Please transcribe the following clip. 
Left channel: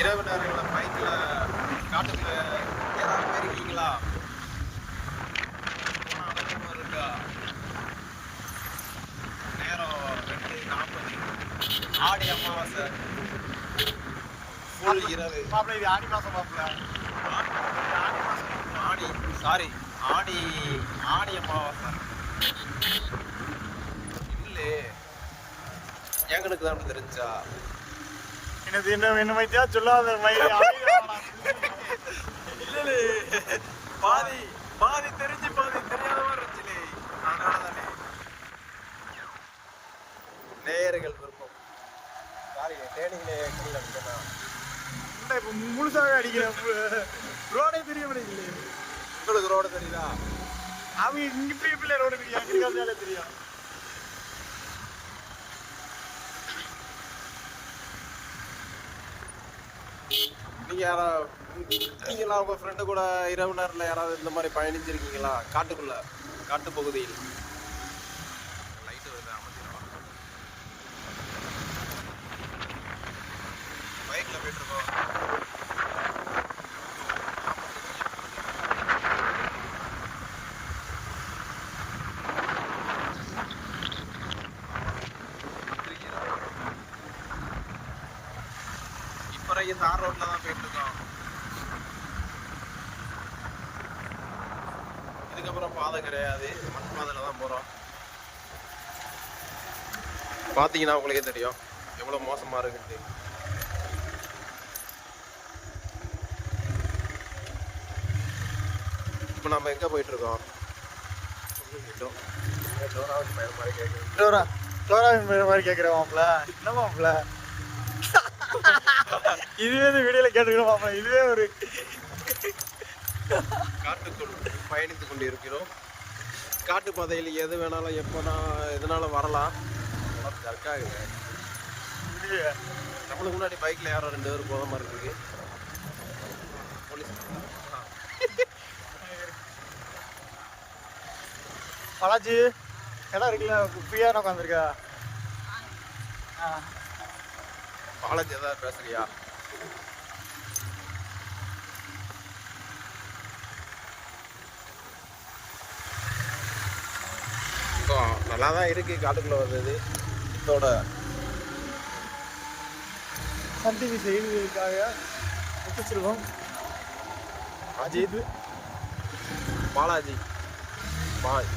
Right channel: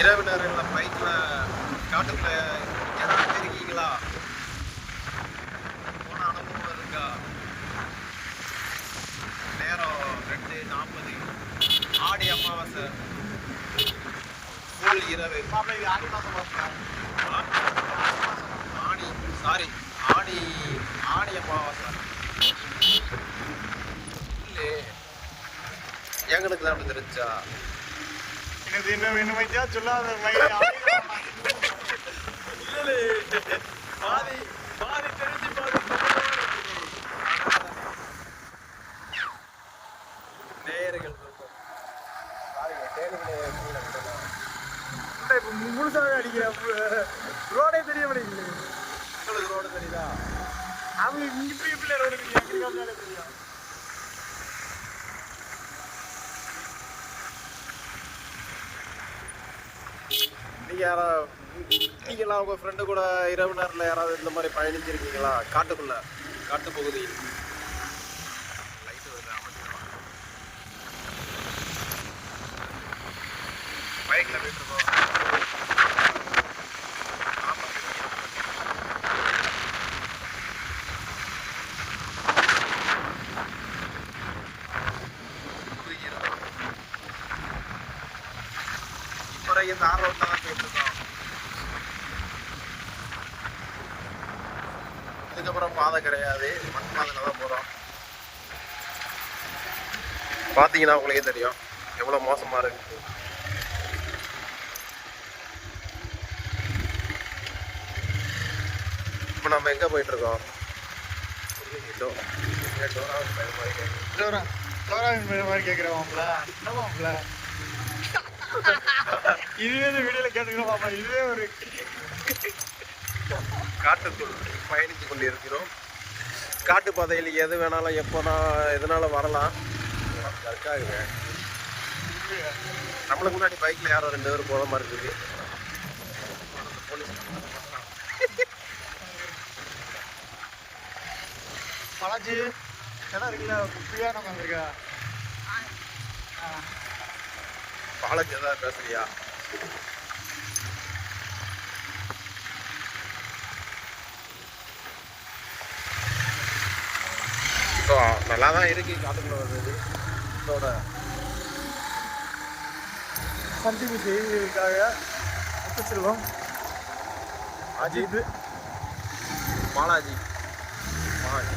இரவு நேரங்களில் பைக்கில் காட்டுக்குள்ள ஏதாவது இருக்கீங்களா போன அனுபவம் இருக்கா? நேரம் ரெண்டு நாற்பது. ஆடி அமாவாசை. ஃபுல் இரவு. ஆடி ஆடி சாரி ஆடி ஆடி அமாவாசை. இல்லை. எங்களுக்கு தான் அப்படி தெரிஞ்சா. எனக்கு என்ன என்ன வைத்தியா சொல்லாத பாதி பாதி தெரிஞ்சு பாதி நேர்கள் விருப்பம். கீழே விட்டலாம் இப்போ முழுசாவே அடிக்கிறேன். ரோடே தெரிய மாட்டேங்குது. உங்களுக்கு ரோடு தெரியுதா? அவங்க இங்க இப்படி இப்படி ரோடு தெரியும். தெரியும். நீங்க யாரா நீங்களா உங்க ஃப்ரெண்டு கூட இரவு நேரத்தில் யாராவது இந்த மாதிரி பயணிச்சிருக்கீங்களா? காட்டுக்குள்ள காட்டு பகுதியில். லைட் வருது அமைச்சிடுவா பைக்கில் போயிட்டு இருக்கோம். வரைக்கும் தார் ரோட்ல தான் போயிட்டு இருக்கோம் இதுக்கப்புறம் பாதை கிடையாது மண் பாதையில தான் போறோம் பாத்தீங்கன்னா உங்களுக்கே தெரியும் எவ்வளவு மோசமா இருக்குன்ட்டு இப்போ நம்ம எங்க போயிட்டு இருக்கோம் இதோ, டோரா டோரா மாதிரி என்ன இதுவே இந்த வீடியோல கேட்டுக்கிறோம் மாப்பிள இதுவே ஒரு காட்டுக்குள் பயணித்து கொண்டிருக்கிறோம். காட்டு பாதையில் எது வேணாலும் எப்போனா எதனாலும் வரலாம். கற்காகுங்க. நம்மளுக்கு முன்னாடி பைக்கில் யாரோ ரெண்டு பேரும் போகிற மாதிரி இருக்கு. போலீஸ் பாலாஜி இடம் இருக்குல்ல ஃப்ரீயாக உட்காந்துருக்கா பாலாஜி ஏதாவது பேசுறியா? ஸோ நல்லா தான் இருக்கு காட்டுக்குள்ள வந்தது இதோட சன் டிவி செய்திகளுக்காக முத்துச்செல்வம் அஜித். பாலாஜி. பாலாஜி